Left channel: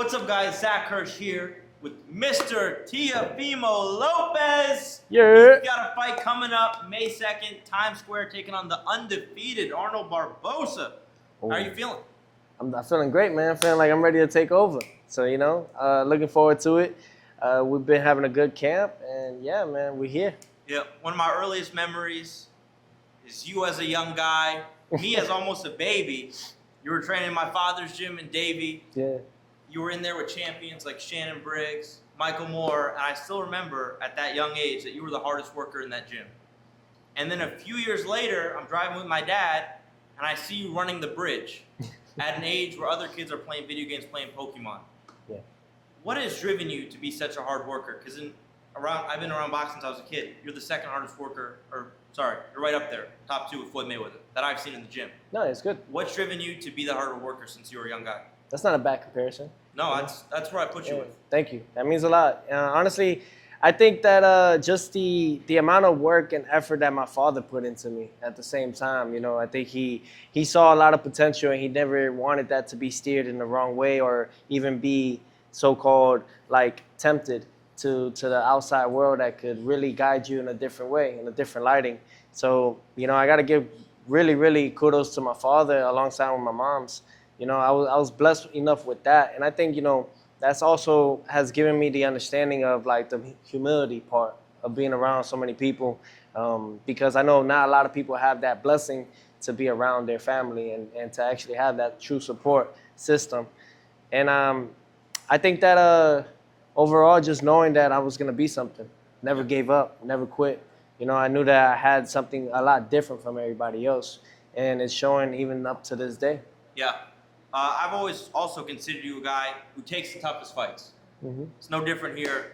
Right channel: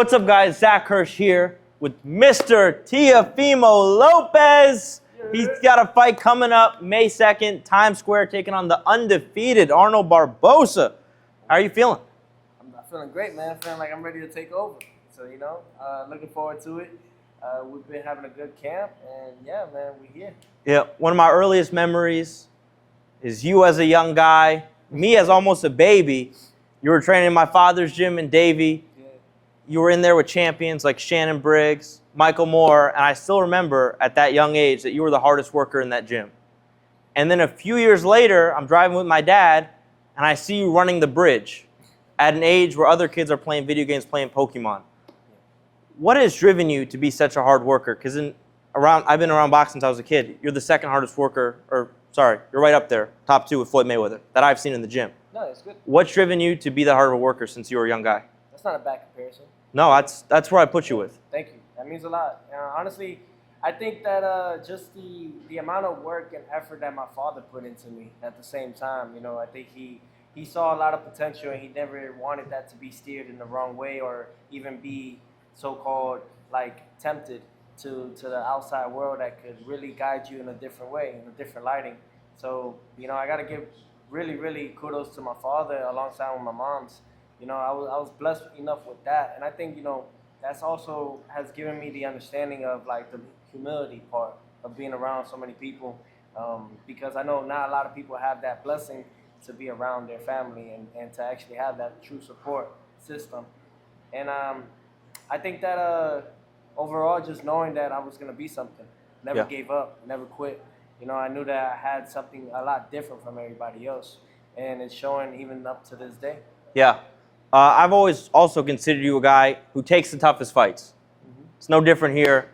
What's up, guys? Zach Hirsch here with Mr. Teofimo Lopez. Yeah. He's got a fight coming up May 2nd, Times Square, taking on the undefeated Arnold Barboza. How are you feeling? I'm feeling great, man. I'm feeling like I'm ready to take over. So, looking forward to it. We've been having a good camp, and yeah, man, we're here. Yeah, one of my earliest memories is you as a young guy, me as almost a baby. You were training in my father's gym in Davie. Yeah. You were in there with champions like Shannon Briggs, Michael Moore, and I still remember at that young age that you were the hardest worker in that gym. And then a few years later, I'm driving with my dad, and I see you running the bridge at an age where other kids are playing video games, playing Pokemon. Yeah. What has driven you to be such a hard worker? Because I've been around boxing since I was a kid. You're the second hardest worker, you're right up there, top 2 with Floyd Mayweather, that I've seen in the gym. No, it's good. What's driven you to be the harder worker since you were a young guy? That's not a bad comparison. No, that's where I put you with. Thank you. That means a lot. Honestly, I think that just the amount of work and effort that my father put into me at the same time, I think he saw a lot of potential, and he never wanted that to be steered in the wrong way or even be so-called like tempted to the outside world that could really guide you in a different way, in a different lighting. So, I got to give really, really kudos to my father alongside with my mom's. I was blessed enough with that. And I think, that's also has given me the understanding of like the humility part of being around so many people. Because I know not a lot of people have that blessing to be around their family and to actually have that true support system. And I think that overall, just knowing that I was going to be something, never gave up, never quit. I knew that I had something a lot different from everybody else. And it's showing even up to this day. Yeah. I've always also considered you a guy who takes the toughest fights. Mm-hmm. It's no different here.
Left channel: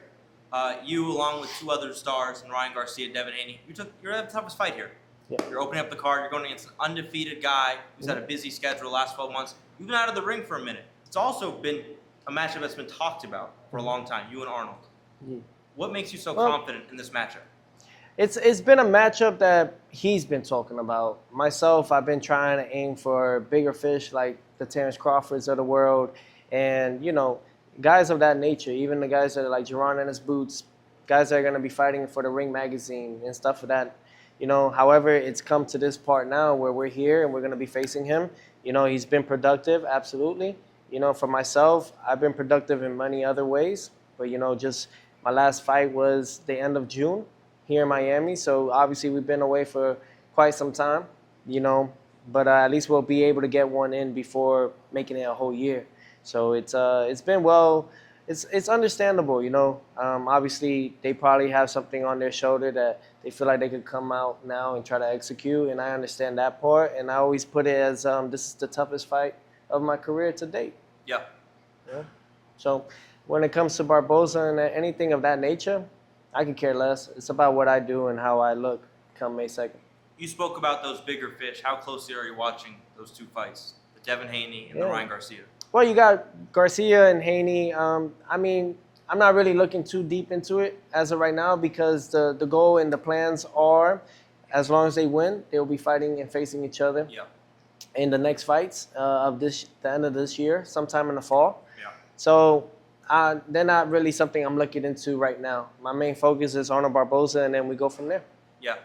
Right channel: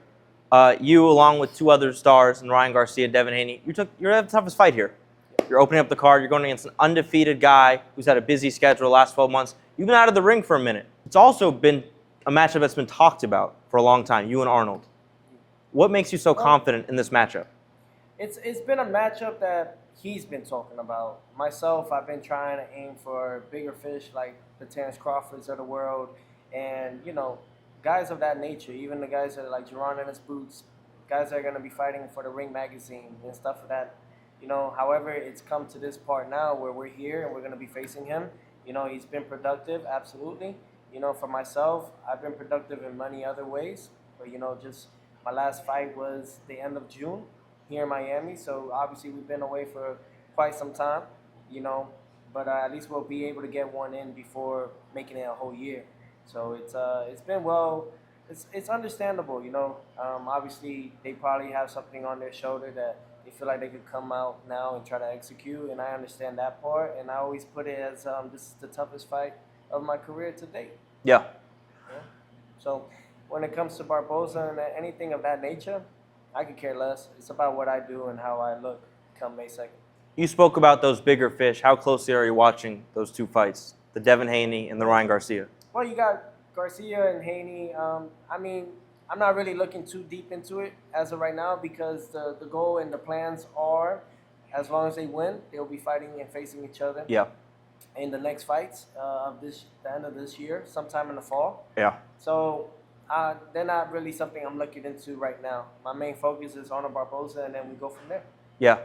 You, along with 2 other stars, and Ryan Garcia, Devin Haney, you're at the toughest fight here. Yeah. You're opening up the card. You're going against an undefeated guy who's had a busy schedule the last 12 months. You've been out of the ring for a minute. It's also been a matchup that's been talked about for a long time, you and Arnold. Mm-hmm. What makes you so confident in this matchup? It's been a matchup that he's been talking about. Myself, I've been trying to aim for bigger fish like the Terrence Crawfords of the world, and guys of that nature. Even the guys that are like Jerron Ennis Boots, guys that are going to be fighting for the Ring magazine and stuff for that. However, it's come to this part now where we're here and we're going to be facing him. He's been productive, absolutely. For myself, I've been productive in many other ways, but just my last fight was the end of June here in Miami. So obviously we've been away for quite some time, but at least we'll be able to get one in before making it a whole year. So it's been it's understandable, obviously they probably have something on their shoulder that they feel like they could come out now and try to execute, and I understand that part, and I always put it as this is the toughest fight of my career to date. Yeah. So when it comes to Barboza and anything of that nature, I could care less. It's about what I do and how I look come May 2nd. You spoke about those bigger fish. How closely are you watching those 2 fights, the Devin Haney and the Ryan Garcia? Well, you got Garcia and Haney. I'm not really looking too deep into it as of right now because the goal and the plans are, as long as they win, they'll be fighting and facing each other. Yeah. In the next fights of the end of this year, sometime in the fall. Yeah. So they're not really something I'm looking into right now. My main focus is Arnold Barboza, and then we go from there. Yeah.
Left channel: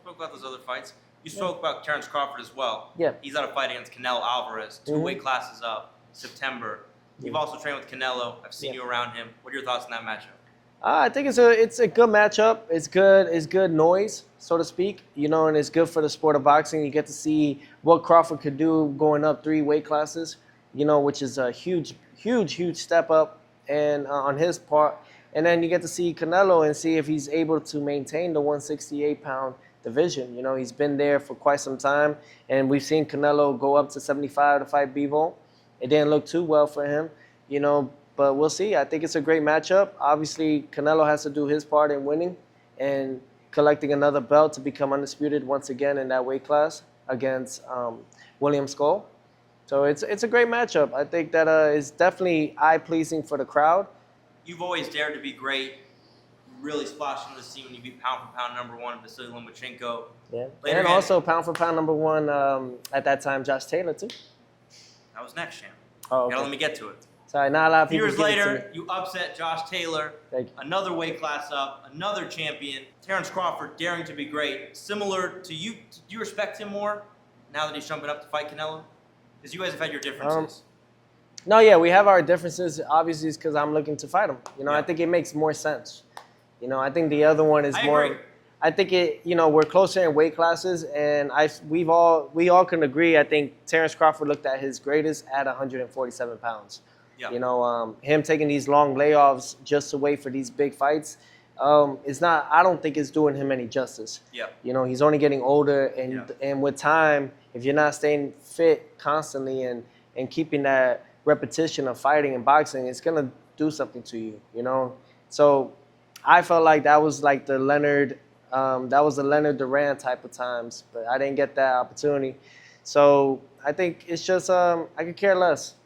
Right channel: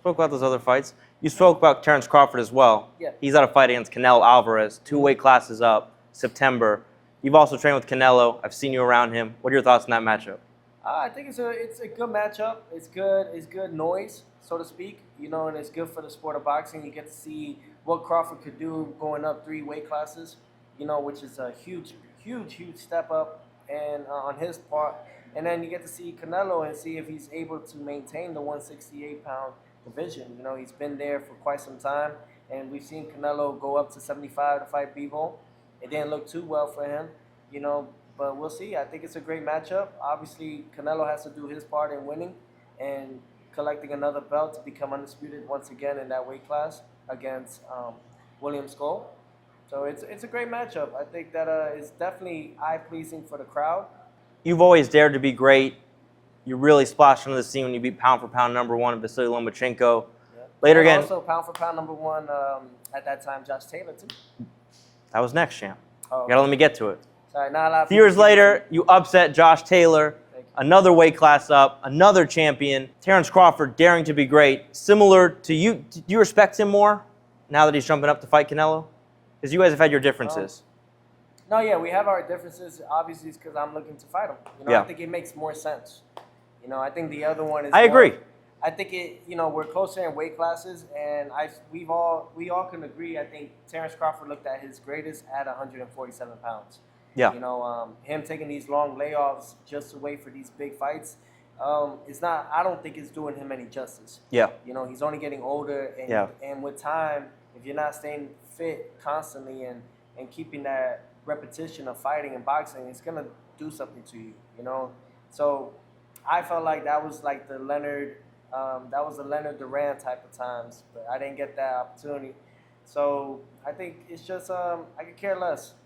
Spoke about those other fights. You spoke about Terrence Crawford as well. Yeah. He's at a fight against Canelo Alvarez, 2 weight classes up, September. You've also trained with Canelo. I've seen you around him. What are your thoughts on that matchup? I think it's a good matchup. It's good noise, so to speak. And it's good for the sport of boxing. You get to see what Crawford could do going up 3 weight classes. Which is a huge step up and on his part. And then you get to see Canelo and see if he's able to maintain the 168-pound division. He's been there for quite some time, and we've seen Canelo go up to 75 to fight Bivol. It didn't look too well for him, but we'll see. I think it's a great matchup. Obviously, Canelo has to do his part in winning and collecting another belt to become undisputed once again in that weight class against William Skull. So it's a great matchup. I think that is definitely eye-pleasing for the crowd. You've always dared to be great. You really splashed onto the scene when you beat pound-for-pound #1 Vasily Lomachenko. Yeah. Later and again. Also pound-for-pound #1 at that time, Josh Taylor, too. That was next, champ. Oh, okay. You gotta let me get to it. Sorry, not a lot of A few people. years later, you upset Josh Taylor, Thank you. another weight class up, another champion. Terrence Crawford daring to be great. Similar to you, do you respect him more now that he's jumping up to fight Canelo? Because you guys have had your differences. No, yeah, we have our differences. Obviously, it's because I'm looking to fight him. You know, Yeah. I think it makes more sense. You know, I think the other one is. I agree. I think we're closer in weight classes, and we all can agree. I think Terrence Crawford looked at his greatest at 147 pounds. Yeah. You know, him taking these long layoffs just to wait for these big fights, it's not. I don't think it's doing him any justice. Yeah. You know, he's only getting older, and Yeah. and with time, if you're not staying fit constantly and keeping that repetition of fighting and boxing, it's gonna do something to you. You know, so I felt like that was like the Leonard Duran type of times, but I didn't get that opportunity. So I think it's just I could care less.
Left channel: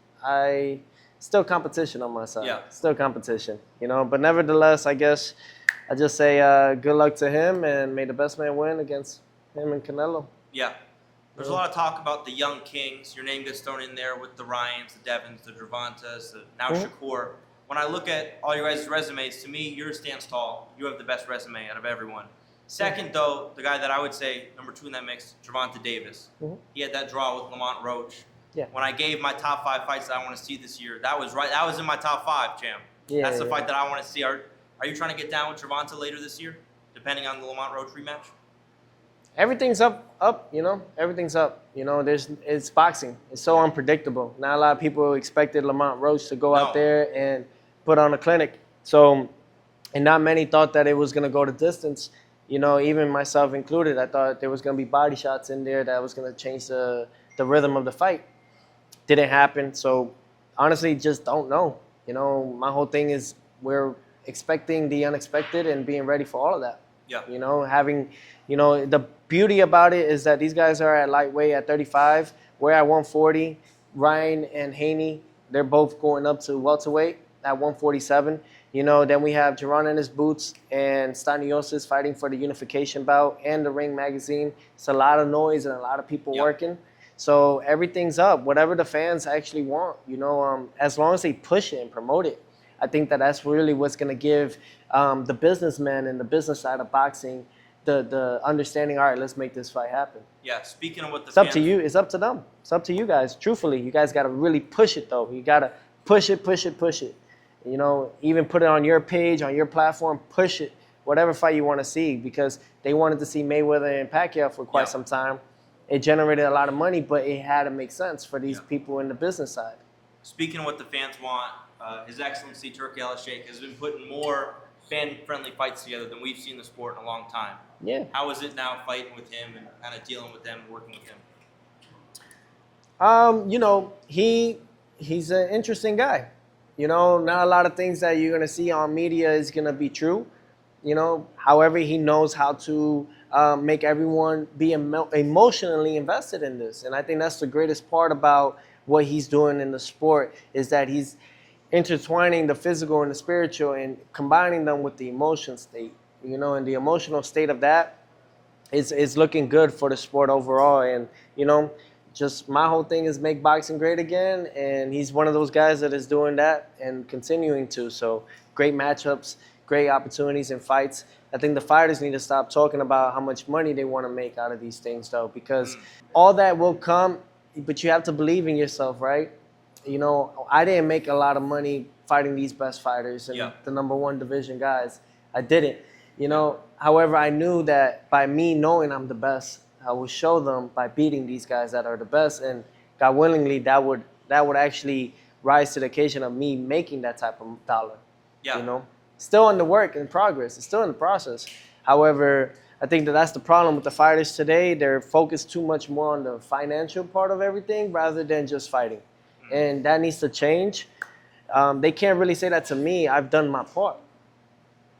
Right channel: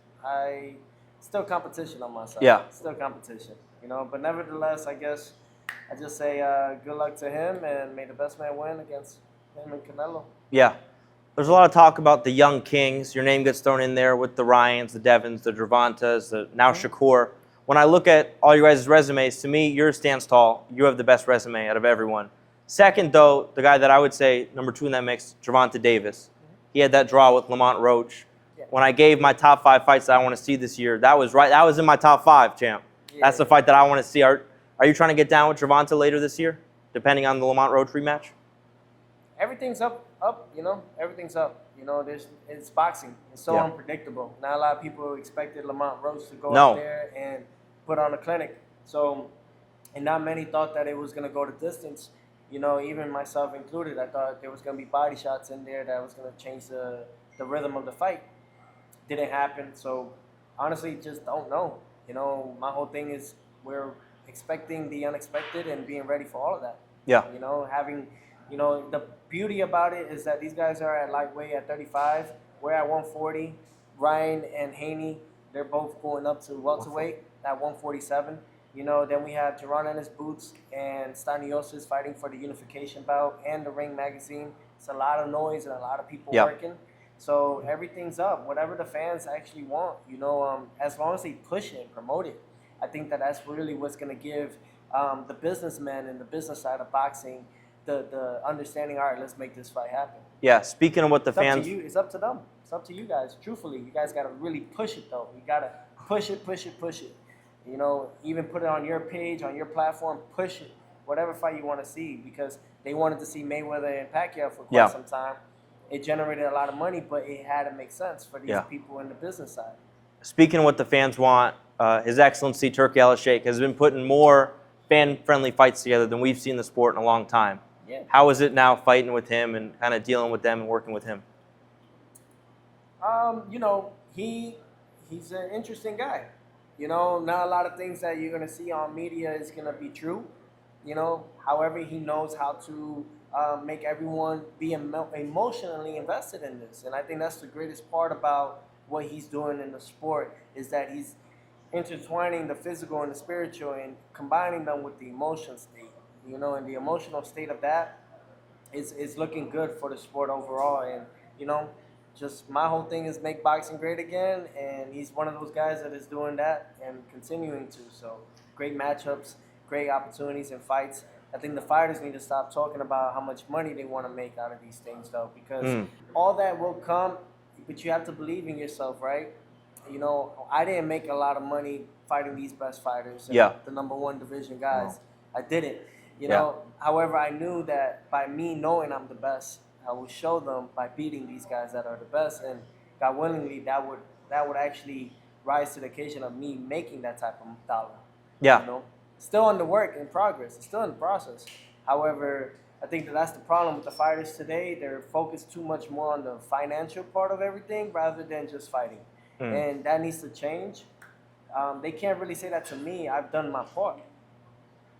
Still competition on myself. Yeah. Still competition, you know. But nevertheless, I guess I just say good luck to him and may the best man win against him and Canelo. Yeah. There's a lot of talk about the young kings. Your name gets thrown in there with the Ryans, the Devons, the Gervontas, now Shakur. When I look at all your guys' resumes, to me, yours stands tall. You have the best resume out of everyone. Second, though, the guy that I would say number 2 in that mix, Gervonta Davis. He had that draw with Lamont Roach. Yeah. When I gave my top 5 fights that I want to see this year, that was right. That was in my top 5, champ. Yeah, That's the fight that I want to see. Are you trying to get down with Gervonta later this year, depending on the Lamont Roach rematch? Everything's up, you know. Everything's up. You know, it's boxing. It's so unpredictable. Not a lot of people expected Lamont Roach to go out there and put on a clinic. So, and not many thought that it was going to go the distance. You know, even myself included, I thought there was going to be body shots in there that was going to change the rhythm of the fight. Didn't happen. So, honestly, just don't know. You know, my whole thing is we're expecting the unexpected and being ready for all of that. Yeah. You know, the beauty about it is that these guys are at lightweight at 35. We're at 140. Ryan and Haney, they're both going up to welterweight at 147. You know, then we have Jaron in his boots and Staniosis fighting for the unification bout and the Ring magazine. It's a lot of noise and a lot of people working. So everything's up, whatever the fans actually want. You know, as long as they push it and promote it, I think that's really what's going to give the businessmen and the business side of boxing the understanding, all right, let's make this fight happen. Yeah, speaking of what the It's fans... up to you. It's up to them. It's up to you guys. Truthfully, you guys got to really push it, though. You got to push it. You know, even put it on your page, on your platform, push it, whatever fight you want to see, because they wanted to see Mayweather and Pacquiao for quite some time. It generated a lot of money, but it had to make sense for these people in the business side. Speaking of what the fans want, His Excellency Turki Al-Sheikh has been putting more fan-friendly fights together than we've seen in the sport in a long time. Yeah. How is it now fighting with him and kind of dealing with them and working with him? You know, he's an interesting guy. You know, not a lot of things that you're going to see on media is going to be true. You know, however, he knows how to make everyone be emotionally invested in this. And I think that's the greatest part about what he's doing in the sport is that he's intertwining the physical and the spiritual and combining them with the emotion state. You know, and the emotional state of that is looking good for the sport overall. And, you know, just my whole thing is make boxing great again. And he's one of those guys that is doing that and continuing to. So great matchups, great opportunities and fights. I think the fighters need to stop talking about how much money they want to make out of these things, though, because all that will come, but you have to believe in yourself, right? You know, I didn't make a lot of money fighting these best fighters and the #1 division guys. I didn't. You know, however, I knew that by me knowing I'm the best, I will show them by beating these guys that are the best. And God willingly, that would actually rise to the occasion of me making that type of dollar. Yeah. You know, still in the work, in progress. It's still in the process. However, I think that's the problem with the fighters today. They're focused too much more on the financial part of everything rather than just fighting. And that needs to change. They can't really say that to me. I've done my part.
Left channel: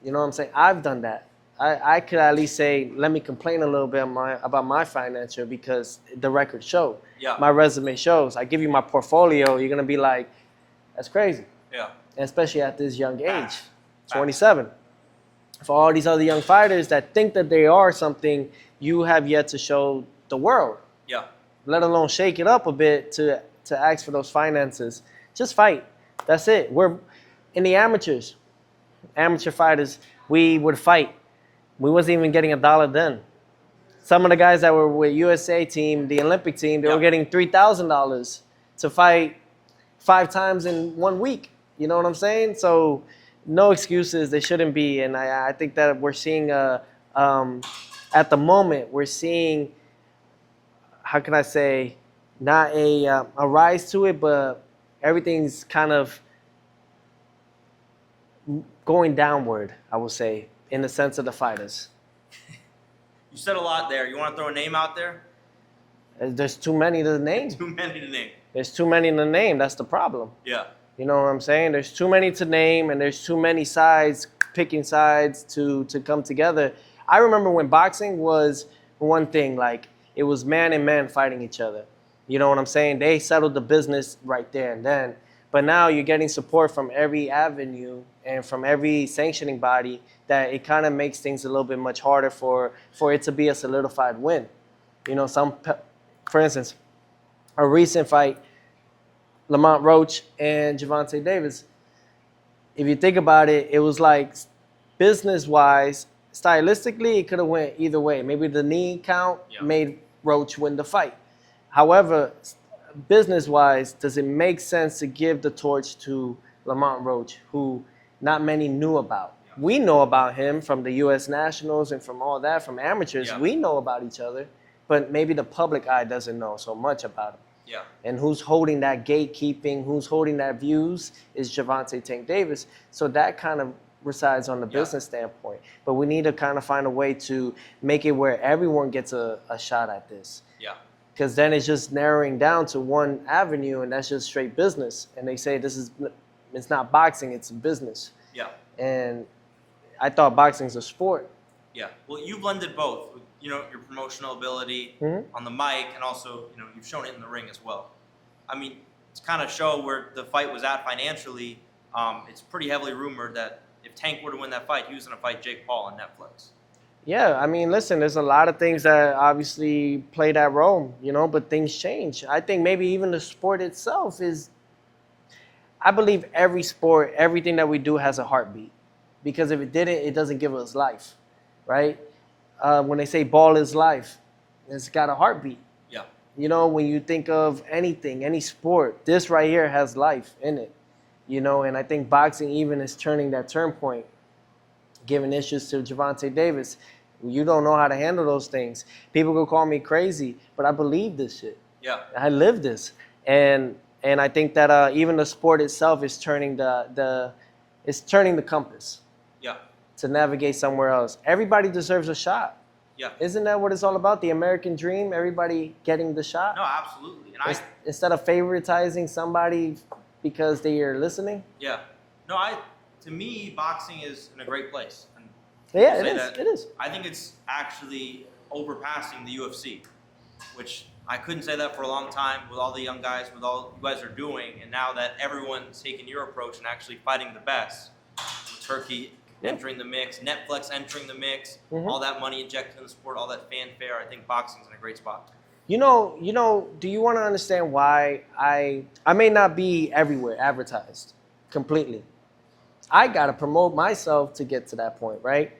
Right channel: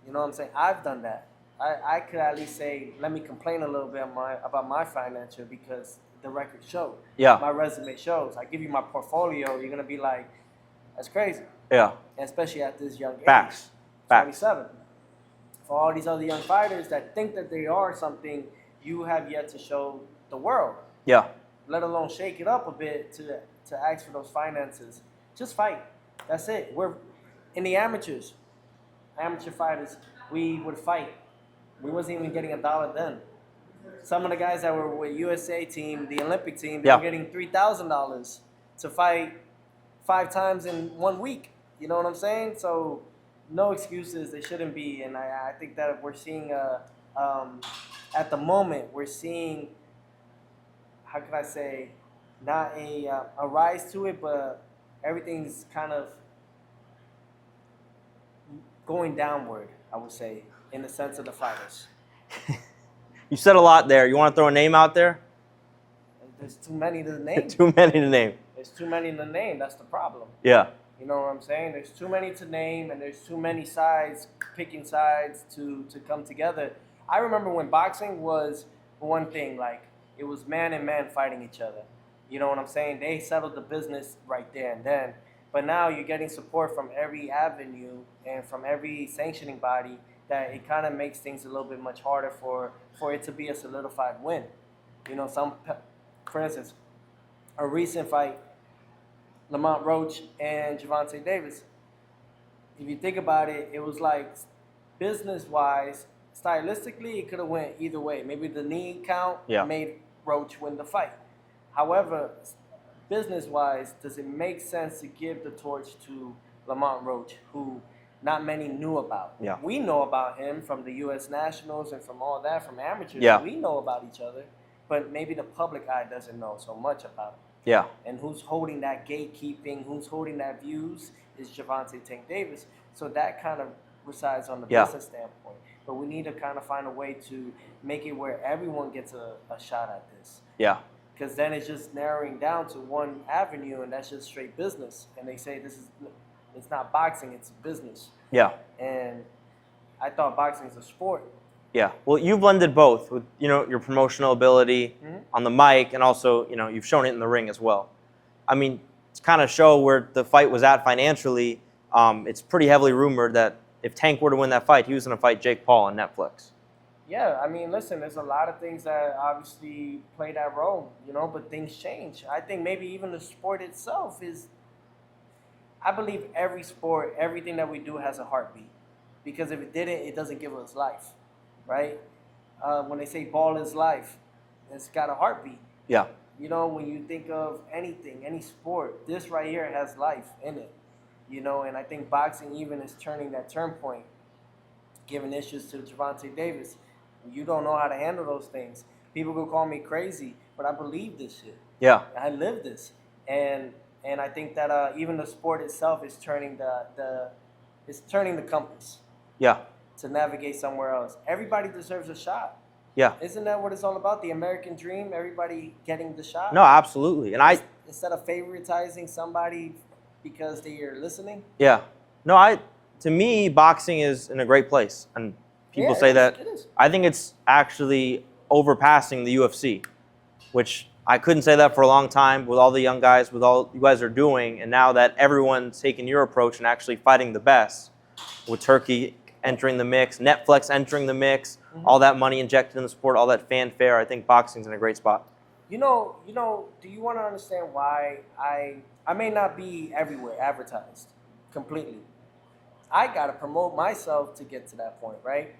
You know what I'm saying? I've done that. I could at least say, let me complain a little bit about my financial because the record showed. Yeah. My resume shows. I give you my portfolio, you're going to be like, that's crazy. Yeah. And especially at this young age, Facts. 27. For all these other young fighters that think that they are something, you have yet to show the world. Yeah. Let alone shake it up a bit to ask for those finances. Just fight. That's it. We're in the amateur fighters, we would fight. We wasn't even getting $1 then. Some of the guys that were with USA team, the Olympic team, they were getting $3,000 to fight 5 times in 1 week. You know what I'm saying? So no excuses. They shouldn't be. And I think that we're seeing, at the moment, we're seeing, how can I say, not a rise to it, but everything's kind of going downward, I would say, in the sense of the fighters. You said a lot there. You want to throw a name out there? There's too many to name. Too many to name. There's too many to name. That's the problem. Yeah. You know what I'm saying? There's too many to name, and there's too many sides, picking sides to come together. I remember when boxing was one thing, like it was man and man fighting each other. You know what I'm saying? They settled the business right there and then. But now you're getting support from every avenue and from every sanctioning body that it kind of makes things a little bit much harder for it to be a solidified win. You know, for instance, a recent fight, Lamont Roach and Gervonta Davis. If you think about it, it was like business-wise, stylistically, it could have went either way. Maybe the knee count made Roach win the fight. However, business-wise, does it make sense to give the torch to Lamont Roach, who not many knew about? Yeah. We know about him from the U.S. Nationals and from all that, from amateurs. Yeah. We know about each other, but maybe the public eye doesn't know so much about him. Yeah. And who's holding that gatekeeping, who's holding that views is Gervonta Tank Davis. So that kind of resides on the business standpoint. But we need to kind of find a way to make it where everyone gets a shot at this. Yeah. Because then it's just narrowing down to one avenue, and that's just straight business. And they say it's not boxing, it's a business. Yeah. And I thought boxing's a sport. Yeah. Well, you've blended both with, your promotional ability on the mic, and also, you've shown it in the ring as well. I mean, to kind of show where the fight was at financially, it's pretty heavily rumored that if Tank were to win that fight, he was going to fight Jake Paul on Netflix. Yeah, I mean, listen, there's a lot of things that obviously play that role, but things change. I think maybe even the sport itself I believe every sport, everything that we do has a heartbeat. Because if it didn't, it doesn't give us life, right? When they say ball is life, it's got a heartbeat. Yeah. When you think of anything, any sport, this right here has life in it. And I think boxing even is turning that turn point, giving issues to Gervonta Davis. You don't know how to handle those things. People could call me crazy, but I believe this shit. Yeah. I live this. And I think that even the sport itself is turning it's turning the compass. Yeah. To navigate somewhere else. Everybody deserves a shot. Yeah. Isn't that what it's all about? The American dream, everybody getting the shot? No, absolutely. And instead of favoritizing somebody because they are listening? Yeah. No, to me, boxing is in a great place. And people say that. It is. I think it's actually overpassing the UFC, which I couldn't say that for a long time with all the young guys, with all you guys are doing. And now that everyone's taking your approach and actually fighting the best, with Turkey entering the mix, Netflix entering the mix, all that money injected in the sport, all that fanfare, I think boxing's in a great spot. Do you want to understand why I may not be everywhere advertised completely? I got to promote myself to get to that point, right?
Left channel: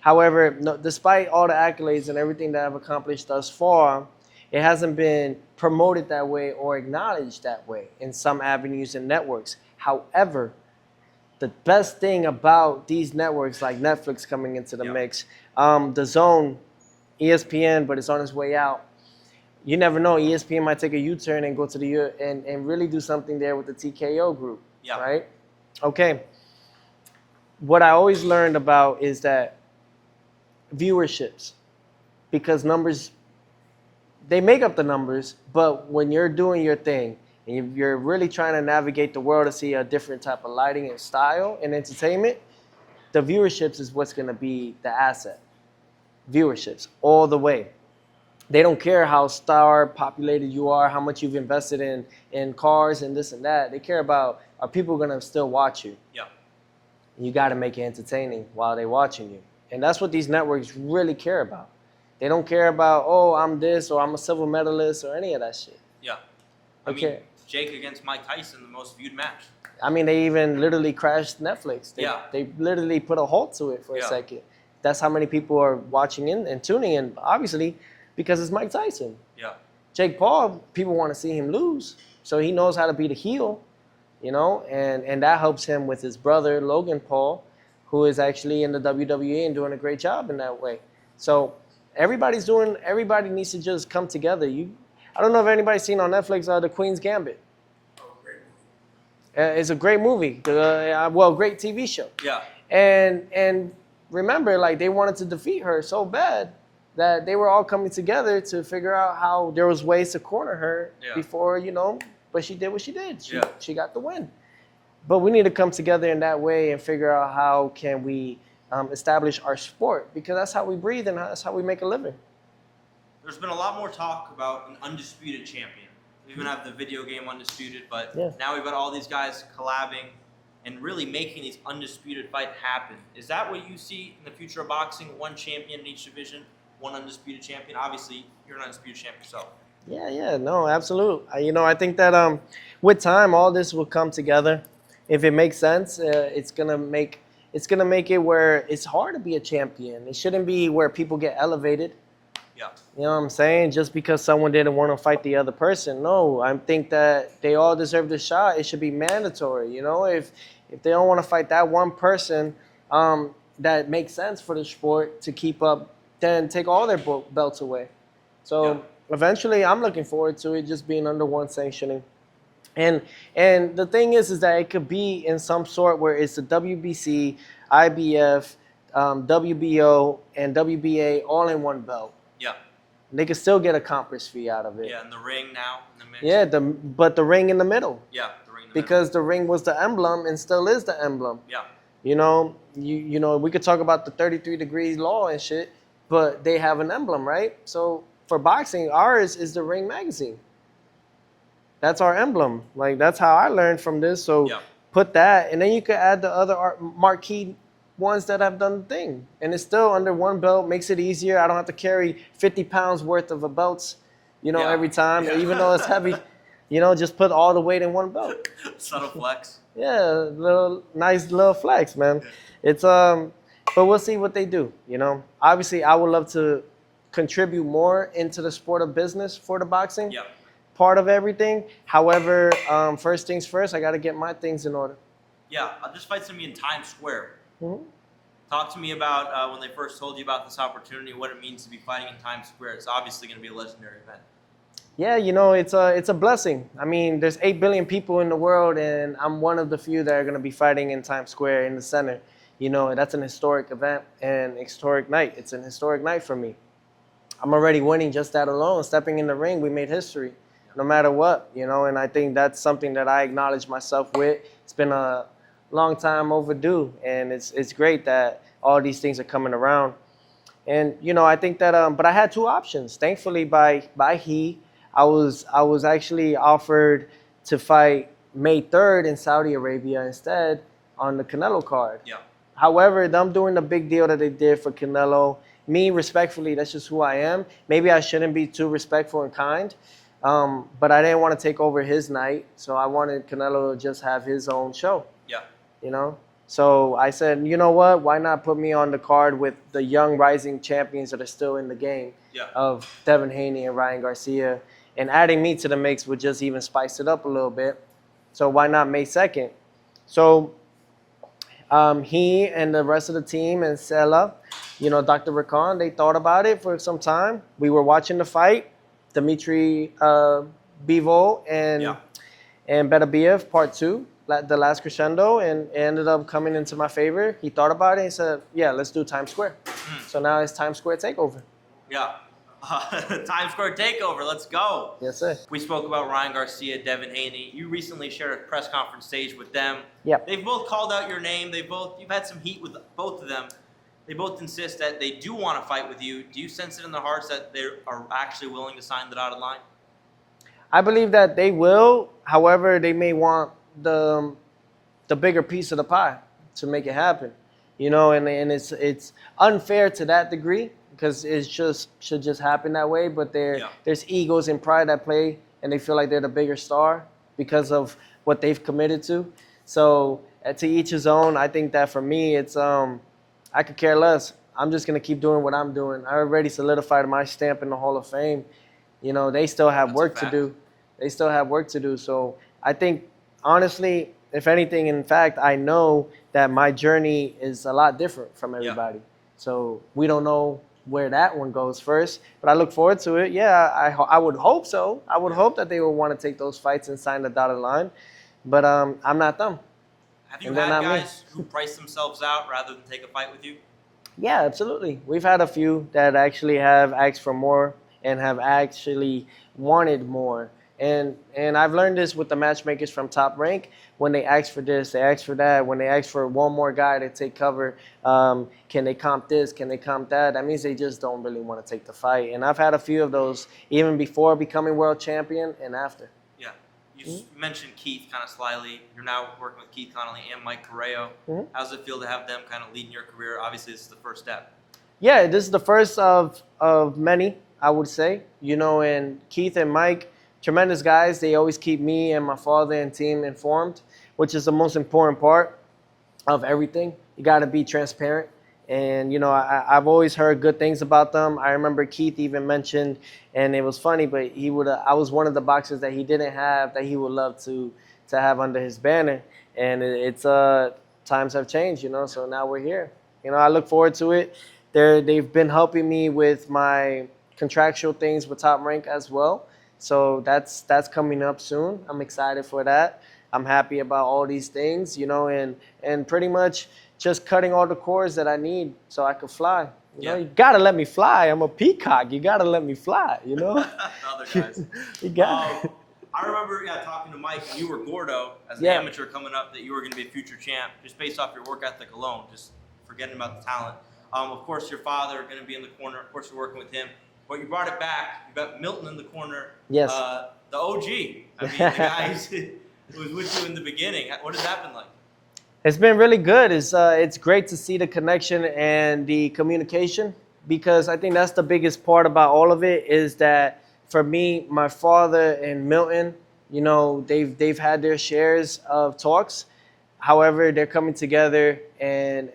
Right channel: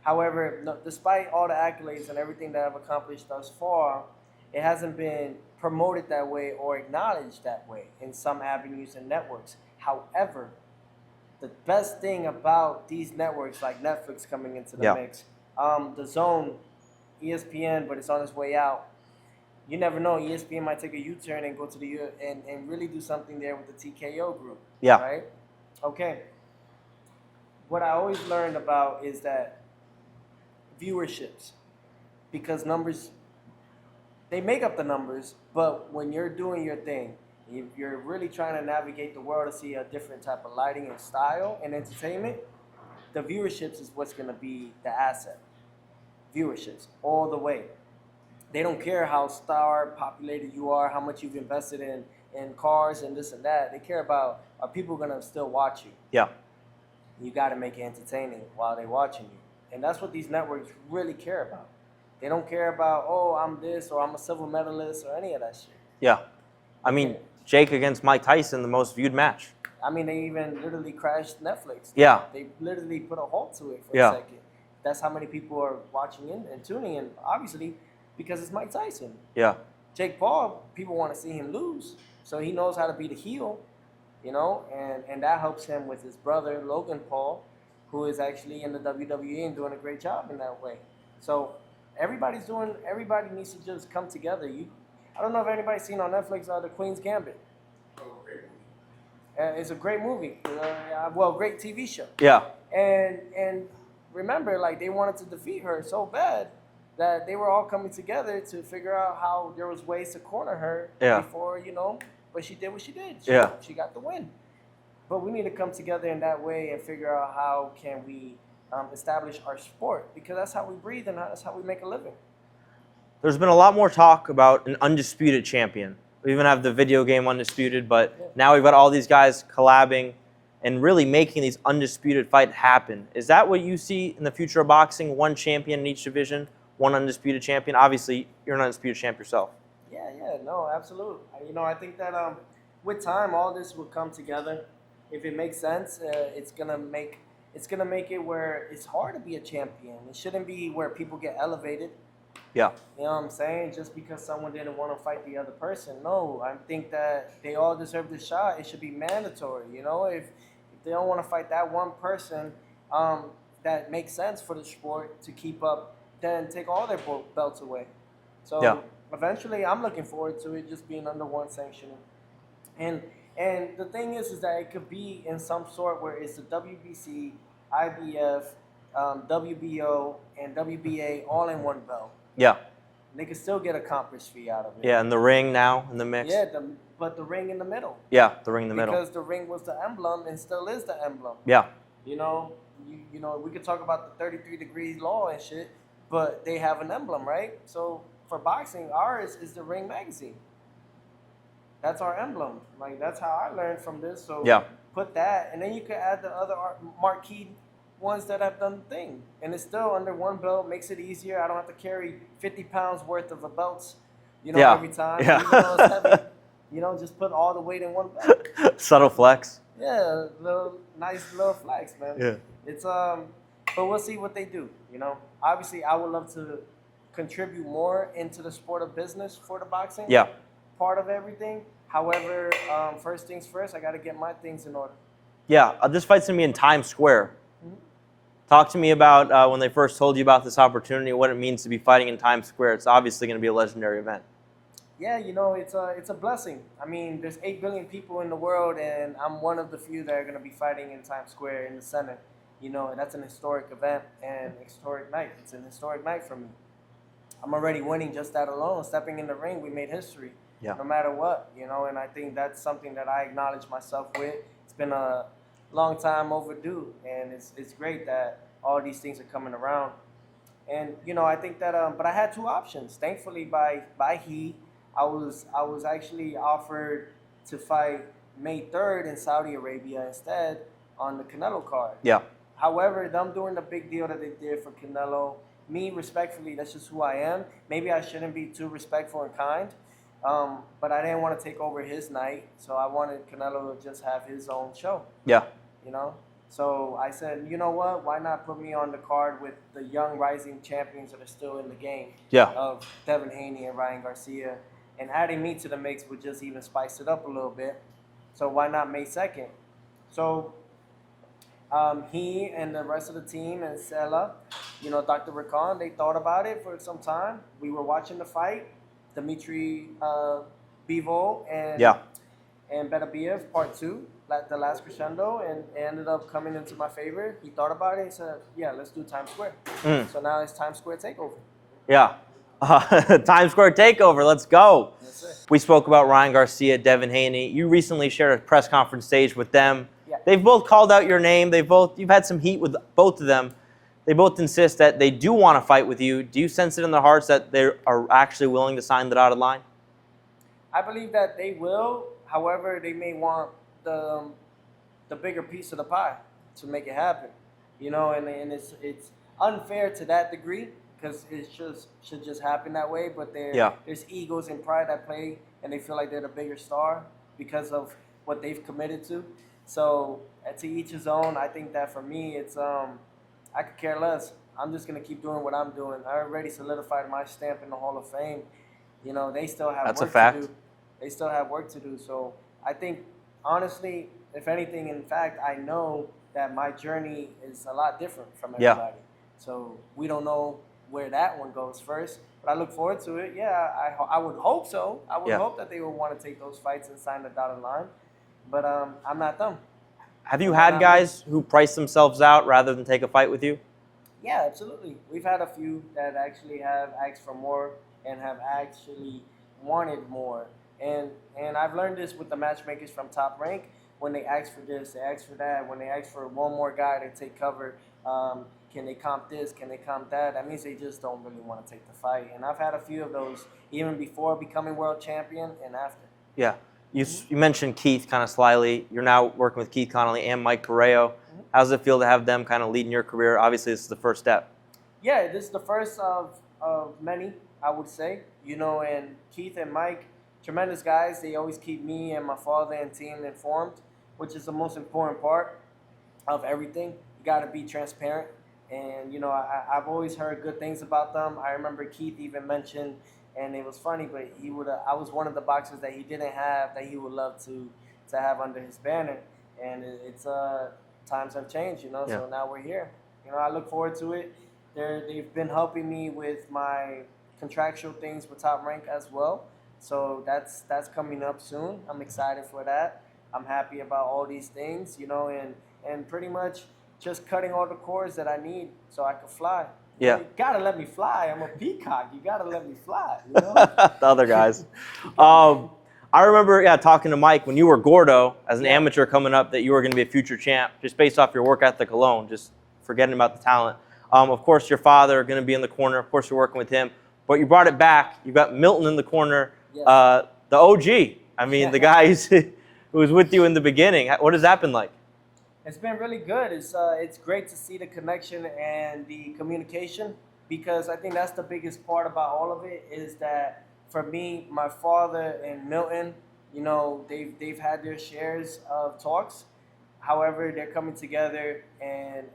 However, despite all the accolades and everything that I've accomplished thus far, it hasn't been promoted that way or acknowledged that way in some avenues and networks. However, the best thing about these networks like Netflix coming into the mix, the Zone, ESPN, but it's on its way out. You never know. ESPN might take a U-turn and go to and really do something there with the TKO group. Yeah. Right? Okay. What I always learned about is that viewerships, because numbers, they make up the numbers, but when you're doing your thing and you're really trying to navigate the world to see a different type of lighting and style and entertainment, the viewerships is what's going to be the asset. Viewerships all the way. They don't care how star populated you are, how much you've invested in cars and this and that. They care about, are people going to still watch you? Yeah. You got to make it entertaining while they're watching you. And that's what these networks really care about. They don't care about, oh, I'm this or I'm a silver medalist or any of that shit. Yeah. I mean, Jake against Mike Tyson, the most viewed match. I mean, they even literally crashed Netflix. Yeah. They literally put a halt to it for Yeah. a second. That's how many people are watching in and tuning in, obviously, because it's Mike Tyson. Yeah. Jake Paul, people want to see him lose, so he knows how to be the heel, and that helps him with his brother, Logan Paul, who is actually in the WWE and doing a great job in that way. So everybody needs to just come together. I don't know if anybody's seen on Netflix The Queen's Gambit. It's a great movie. Great TV show. Yeah. And remember, like, they wanted to defeat her so bad that they were all coming together to figure out how there was ways to corner her before, but she did what she did. She got the win. But we need to come together in that way and figure out how can we establish our sport, because that's how we breathe and that's how we make a living. There's been a lot more talk about an undisputed champion. We even have the video game Undisputed, but now we've got all these guys collabing and really making these undisputed fights happen. Is that what you see in the future of boxing? One champion in each division, one undisputed champion? Obviously, you're an undisputed champ yourself. Yeah, no, absolutely. I think that with time, all this will come together. If it makes sense, it's gonna make it where it's hard to be a champion. It shouldn't be where people get elevated. Yeah. You know what I'm saying? Just because someone didn't want to fight the other person. No, I think that they all deserve the shot. It should be mandatory. If they don't want to fight that one person that makes sense for the sport to keep up, then take all their belts away. So eventually, I'm looking forward to it just being under one sanctioning. And the thing is that it could be in some sort where it's the WBC, IBF, WBO, and WBA all in one belt. Yeah. They could still get a conference fee out of it. Yeah, and the ring now in the mix. Yeah, but the ring in the middle. Yeah, the ring in the middle. Because the ring was the emblem and still is the emblem. Yeah. We could talk about the 33 degrees law and shit, but they have an emblem, right? So for boxing, ours is the Ring magazine. That's our emblem. Like, that's how I learned from this. So put that, and then you could add the other marquee ones that have done the thing. And it's still under one belt, makes it easier. I don't have to carry 50 pounds worth of belts, every time. Even though it's heavy, just put all the weight in one belt. Subtle flex. Yeah, nice little flex, man. Yeah. It's but we'll see what they do. Obviously, I would love to contribute more into the sport of business for the boxing. Yeah. Part of everything. However, first things first, I got to get my things in order. Yeah, this fight's gonna be in Times Square. Mm-hmm. Talk to me about when they first told you about this opportunity, what it means to be fighting in Times Square. It's obviously going to be a legendary event. Yeah, it's a blessing. I mean, there's 8 billion people in the world, and I'm one of the few that are going to be fighting in Times Square in the center. That's an historic event and historic night. It's an historic night for me. I'm already winning just that alone. Stepping in the ring, we made history. Yeah. No matter what, and I think that's something that I acknowledge myself with. It's been a long time overdue, and it's great that all these things are coming around. And I think that but I had 2 options. Thankfully, by I was actually offered to fight May 3rd in Saudi Arabia instead on the Canelo card. Yeah. However, them doing the big deal that they did for Canelo, me, respectfully, that's just who I am. Maybe I shouldn't be too respectful and kind, but I didn't want to take over his night, so I wanted Canelo to just have his own show. Yeah. So I said, you know what? Why not put me on the card with the young rising champions that are still in the game of Devin Haney and Ryan Garcia, and adding me to the mix would just even spice it up a little bit. So why not May 2nd? So he and the rest of the team and Sela, Dr. Rakan, they thought about it for some time. We were watching the fight, Dmitry Bivol and Beterbiev, part 2. The last crescendo, and ended up coming into my favor. He thought about it and said, yeah, let's do Times Square. So now it's Times Square TakeOver. Yeah. Times Square TakeOver. Let's go. Yes, sir. We spoke about Ryan Garcia, Devin Haney. You recently shared a press conference stage with them. Yeah. They've both called out your name. You've had some heat with both of them. They both insist that they do want to fight with you. Do you sense it in their hearts that they are actually willing to sign the dotted line? I believe that they will. However, they may want the bigger piece of the pie to make it happen, and it's unfair to that degree because it should just happen that way. But there's egos and pride at play, and they feel like they're the bigger star because of what they've committed to. So to each his own. I think that for me, it's I could care less. I'm just gonna keep doing what I'm doing. I already solidified my stamp in the Hall of Fame. You know, they still have That's a work to fact. do. They still have work to do. So I think, honestly, if anything, in fact, I know that my journey is a lot different from Yeah. everybody. So we don't know where that one goes first, but I look forward to it. Yeah, I would hope so. I would Yeah. hope that they would want to take those fights and sign the dotted line, but I'm not them. Have you And they're had not me. guys who price themselves out rather than take a fight with you? Yeah, absolutely. We've had a few that actually have asked for more and have actually wanted more. And I've learned this with the matchmakers from Top Rank. When they ask for this, they ask for that. When they ask for one more guy to take cover, can they comp this? Can they comp that? That means they just don't really want to take the fight. And I've had a few of those even before becoming world champion and after. Yeah. You mentioned Keith kind of slyly. You're now working with Keith Connolly and Mike Correo. How does it feel to have them kind of leading your career? Obviously, this is the first step. Yeah, this is the first of many, I would say. You know, and Keith and Mike, tremendous guys. They always keep me and my father and team informed, which is the most important part of everything. You got to be transparent. And, you know, I've always heard good things about them. I remember Keith even mentioned, and it was funny, but I was one of the boxers that he didn't have that he would love to have under his banner. And it's times have changed, you know, so now we're here. You know, I look forward to it. They've been helping me with my contractual things with Top Rank as well. So that's coming up soon. I'm excited for that. I'm happy about all these things, you know, and pretty much just cutting all the cords that I need so I could fly. You know, you gotta let me fly. I'm a peacock. You gotta let me fly, you know? The other guys. I remember, talking to Mike when you were Gordo as an amateur coming up that you were going to be a future champ just based off your work ethic alone, just forgetting about the talent. Of course, your father going to be in the corner. Of course, you're working with him. But you brought it back. You got Milton in the corner. Yes. The OG. I mean, the guy who was with you in the beginning. What has that been like? It's been really good. It's great to see the connection and the communication, because I think that's the biggest part about all of it is that for me, my father and Milton, you know, they've had their shares of talks. However, they're coming together, and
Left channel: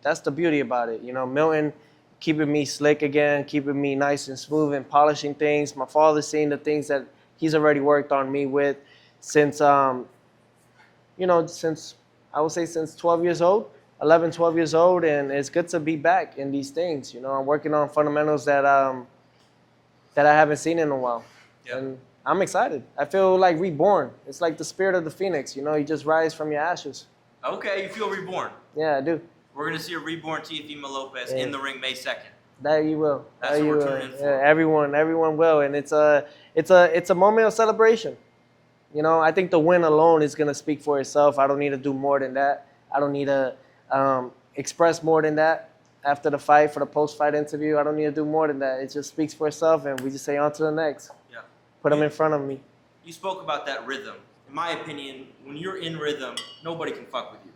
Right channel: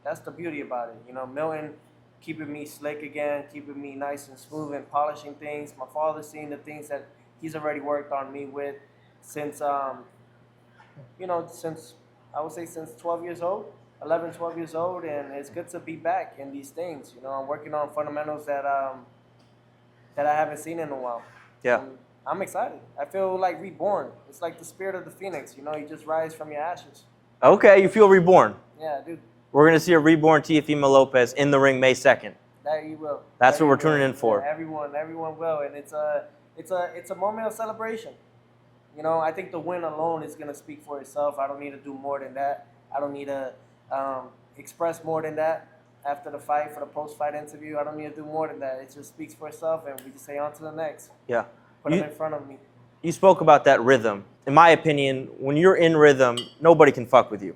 that's the beauty about it. You know, Milton keeping me slick again, keeping me nice and smooth and polishing things. My father seeing the things that he's already worked on me with since, you know, since I would say since 12 years old, 11, 12 years old, and it's good to be back in these things. You know, I'm working on fundamentals that I haven't seen in a while. Yeah. And I'm excited. I feel like reborn. It's like the spirit of the phoenix. You know, you just rise from your ashes. Okay, you feel reborn. Yeah, I do. We're going to see a reborn Teofimo Lopez in the ring May 2nd. That you will. That's That what you we're tuning in for. Yeah, everyone will, and it's a moment of celebration. You know, I think the win alone is gonna speak for itself. I don't need to do more than that. I don't need to express more than that after the fight for the post-fight interview. I don't need to do more than that. It just speaks for itself, and we just say on to the next. Yeah. Put them in front of me. You spoke about that rhythm. In my opinion, when you're in rhythm, nobody can fuck with you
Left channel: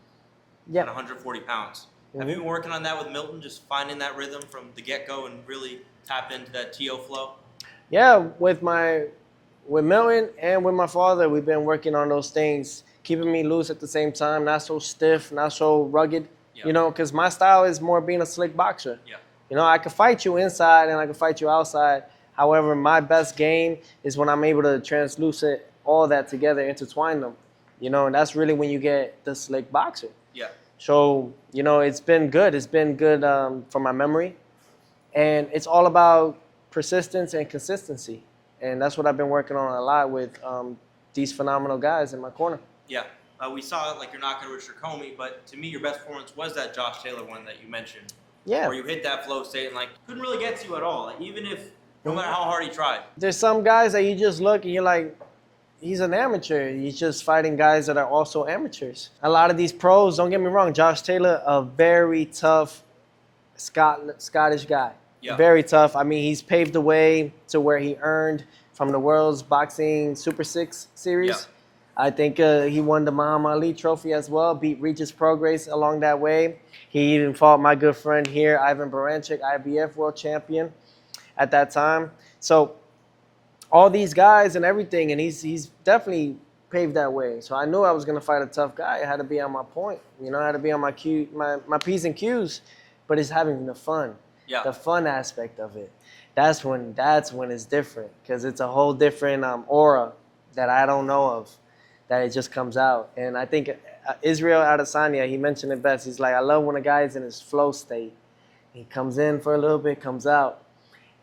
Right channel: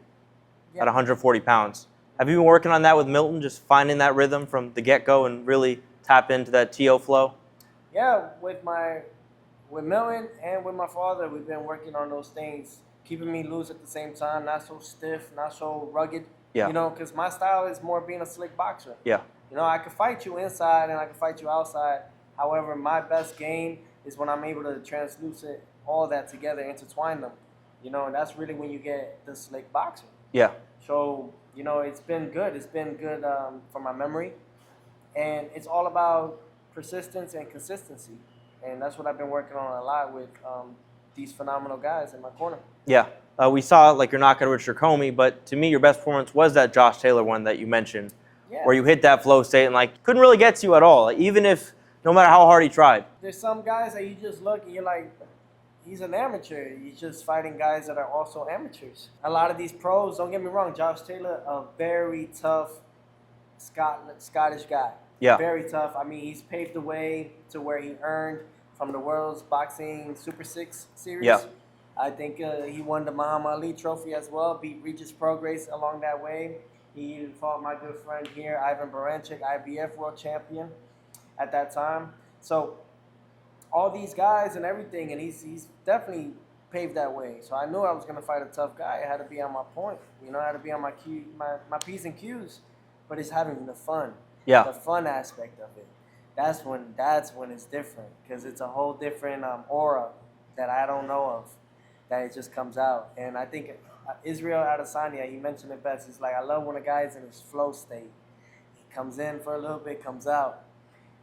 at 140 pounds. Have you been working on that with Milton, just finding that rhythm from the get-go and really tap into that TO flow? Yeah, with Milton and with my father, we've been working on those things, keeping me loose at the same time, not so stiff, not so rugged. Yeah. You know, because my style is more being a slick boxer. Yeah. You know, I can fight you inside and I can fight you outside. However, my best game is when I'm able to translucent all that together, intertwine them. You know, and that's really when you get the slick boxer. Yeah. So, you know, it's been good. It's been good for my memory. And it's all about persistence and consistency. And that's what I've been working on a lot with these phenomenal guys in my corner. Yeah. We saw like you're knocking Richard Comey, but to me, your best performance was that Josh Taylor one that you mentioned. Yeah. Where you hit that flow state and like couldn't really get to you at all, even if no matter how hard he tried. There's some guys that you just look and you're like, he's an amateur. He's just fighting guys that are also amateurs. A lot of these pros, don't get me wrong, Josh Taylor, a very tough Scottish guy. Yeah. Very tough. I mean, he's paved the way to where he earned from the World's Boxing Super 6 series. Yeah. I think he won the Muhammad Ali trophy as well, beat Regis Prograis along that way. He even fought my good friend here, Ivan Baranchik, IBF world champion at that time. So all these guys and everything, and he's definitely paved that way. So I knew I was gonna fight a tough guy. I had to be on my point. You know, I had to be on my my P's and Q's. But it's having the fun. Yeah. The fun aspect of it. That's when it's different, because it's a whole different aura that I don't know of, that it just comes out. And I think Israel Adesanya, he mentioned it best. He's like, I love when a guy's in his flow state. He comes in for a little bit, comes out.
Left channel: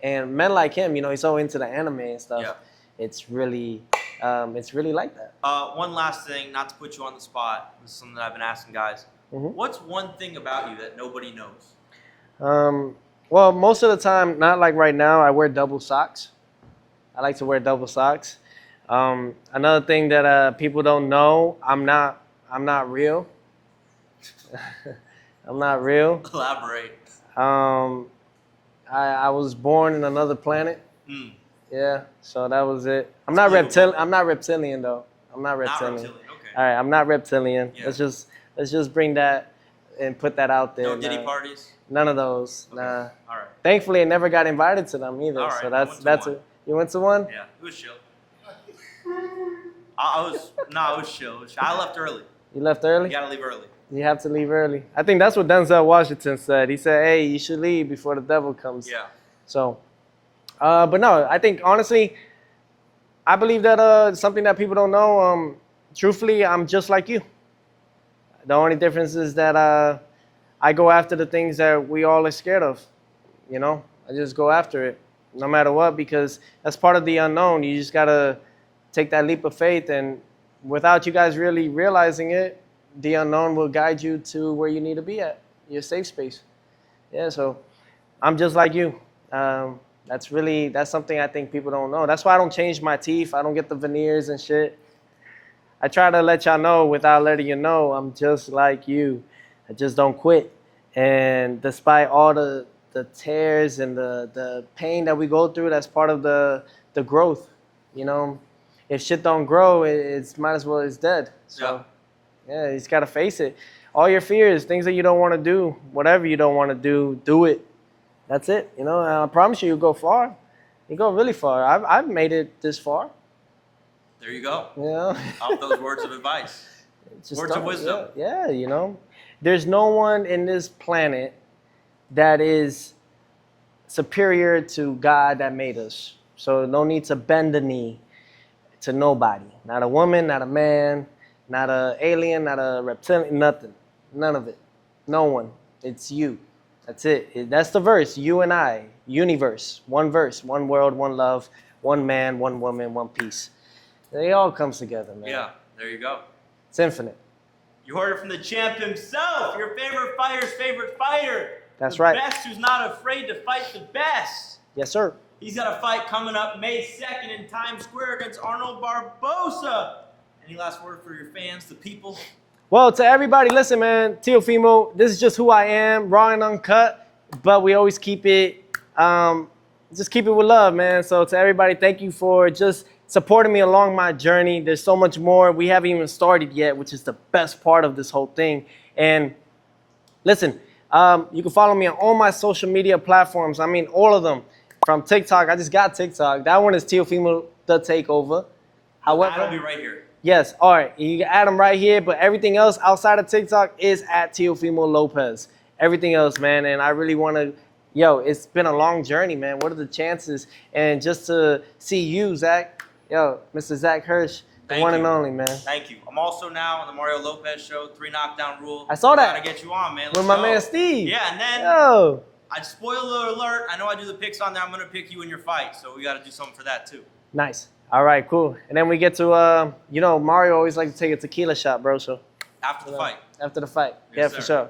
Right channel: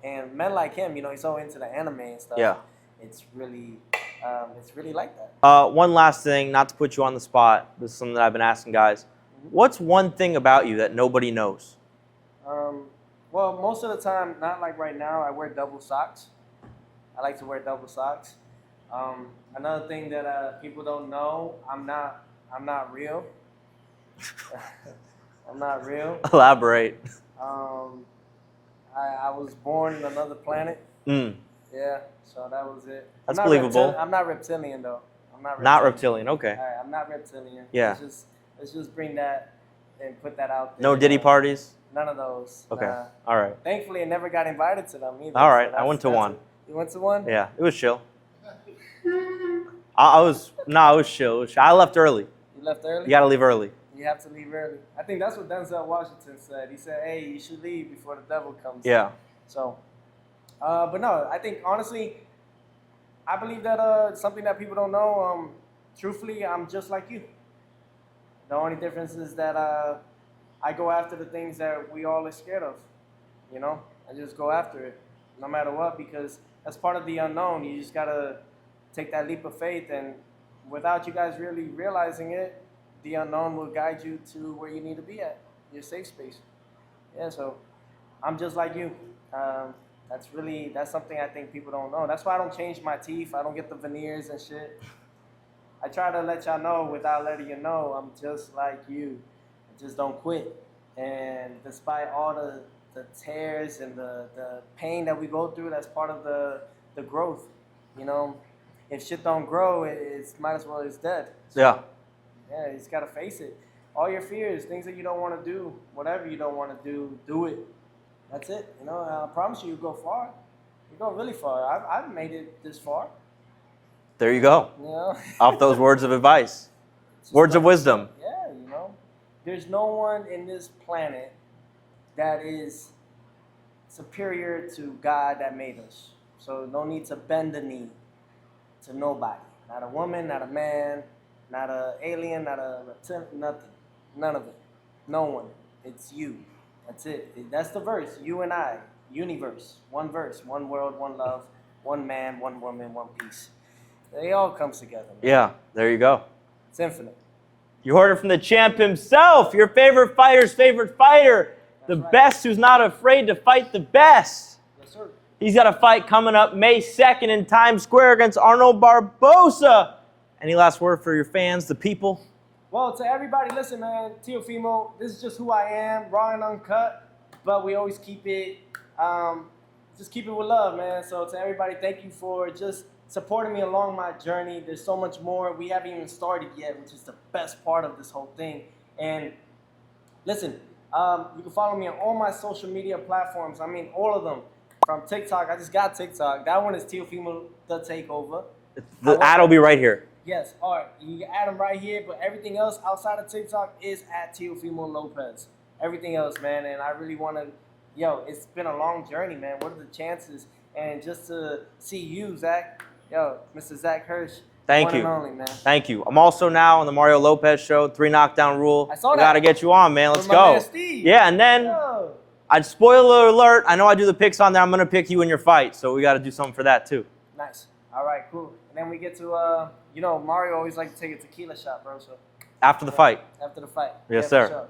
And men like him, you know, he's so into the anime and stuff. Yeah. It's really like that. One last thing, not to put you on the spot. This is something that I've been asking guys. Mm-hmm. What's one thing about you that nobody knows? Well, most of the time, not like right now, I wear double socks. I like to wear double socks. Another thing that people don't know, I'm not real. I'm not real. Elaborate. I was born in another planet. Yeah, so that was it. I'm not believable. I'm not reptilian though. I'm not reptilian. Not reptilian. Okay. All right, I'm not reptilian. Yeah. Let's just bring that and put that out there. No Diddy parties? None of those. Okay. Nah. All right. Thankfully, I never got invited to them either. All right. So I went to one. You went to one? Yeah, it was chill. I was chill. It was chill. I left early. You left early? You gotta leave early. You have to leave early. I think that's what Denzel Washington said. He said, hey, you should leave before the devil comes. Yeah. So, but no, I think honestly, I believe that something that people don't know, truthfully, I'm just like you. The only difference is that I go after the things that we all are scared of. You know, I just go after it no matter what, because that's part of the unknown. You just got to take that leap of faith, and without you guys really realizing it, the unknown will guide you to where you need to be at, your safe space. Yeah, so I'm just like you. That's something I think people don't know. That's why I don't change my teeth. I don't get the veneers and shit. I try to let y'all know without letting you know I'm just like you. I just don't quit. And despite all the tears and the pain that we go through, that's part of the growth. You know, if shit don't grow, it's might as well it's dead. So, yeah, you just gotta face it. All your fears, things that you don't want to do, whatever you don't want to do it. That's it. You know, and I promise you'll go far. You go really far. I've made it this far. There you go. You know? Off those words of advice. Just Words of wisdom. Yeah, you know. There's no one in this planet that is superior to God that made us. So no need to bend the knee to nobody. Not a woman, not a man, not an alien, not a reptilian, nothing. None of it. No one. It's you. That's it. That's the verse. You and I. Universe. One verse. One world, one love, one man, one woman, one peace. It all comes together, man. Yeah, there you go. It's infinite. You heard it from the champ himself, your favorite fighter's favorite fighter. That's the right. best who's not afraid to fight the best. Yes, sir. He's got a fight coming up May 2nd in Times Square against Arnold Barboza. Any last word for your fans, the people? Well, to everybody, listen, man, Teofimo, this is just who I am, raw and uncut, but we always keep it, just keep it with love, man. So to everybody, thank you for just supporting me along my journey. There's so much more. We haven't even started yet, which is the best part of this whole thing. And listen, you can follow me on all my social media platforms. I mean, all of them. From TikTok, I just got TikTok. That one is Teofimo The Takeover. The ad will be right here. Yes, all right. You can add them right here, but everything else outside of TikTok is at Teofimo Lopez. Everything else, man, and I really want to, it's been a long journey, man. What are the chances? And just to see you, Zach, Mr. Zach Hirsch, Thank one you. and only, man. Thank you. I'm also now on the Mario Lopez show, 3 knockdown rule. I saw that. Got to get you on, man. Let's With my go. man Steve. Yeah, and then I'd spoiler alert. I know I do the picks on there. I'm gonna pick you in your fight, so we got to do something for that too. Nice. All right, cool. And then we get to, Mario always like to take a tequila shot, bro. So After the fight. after the fight, Yes, yeah, sir. for sure.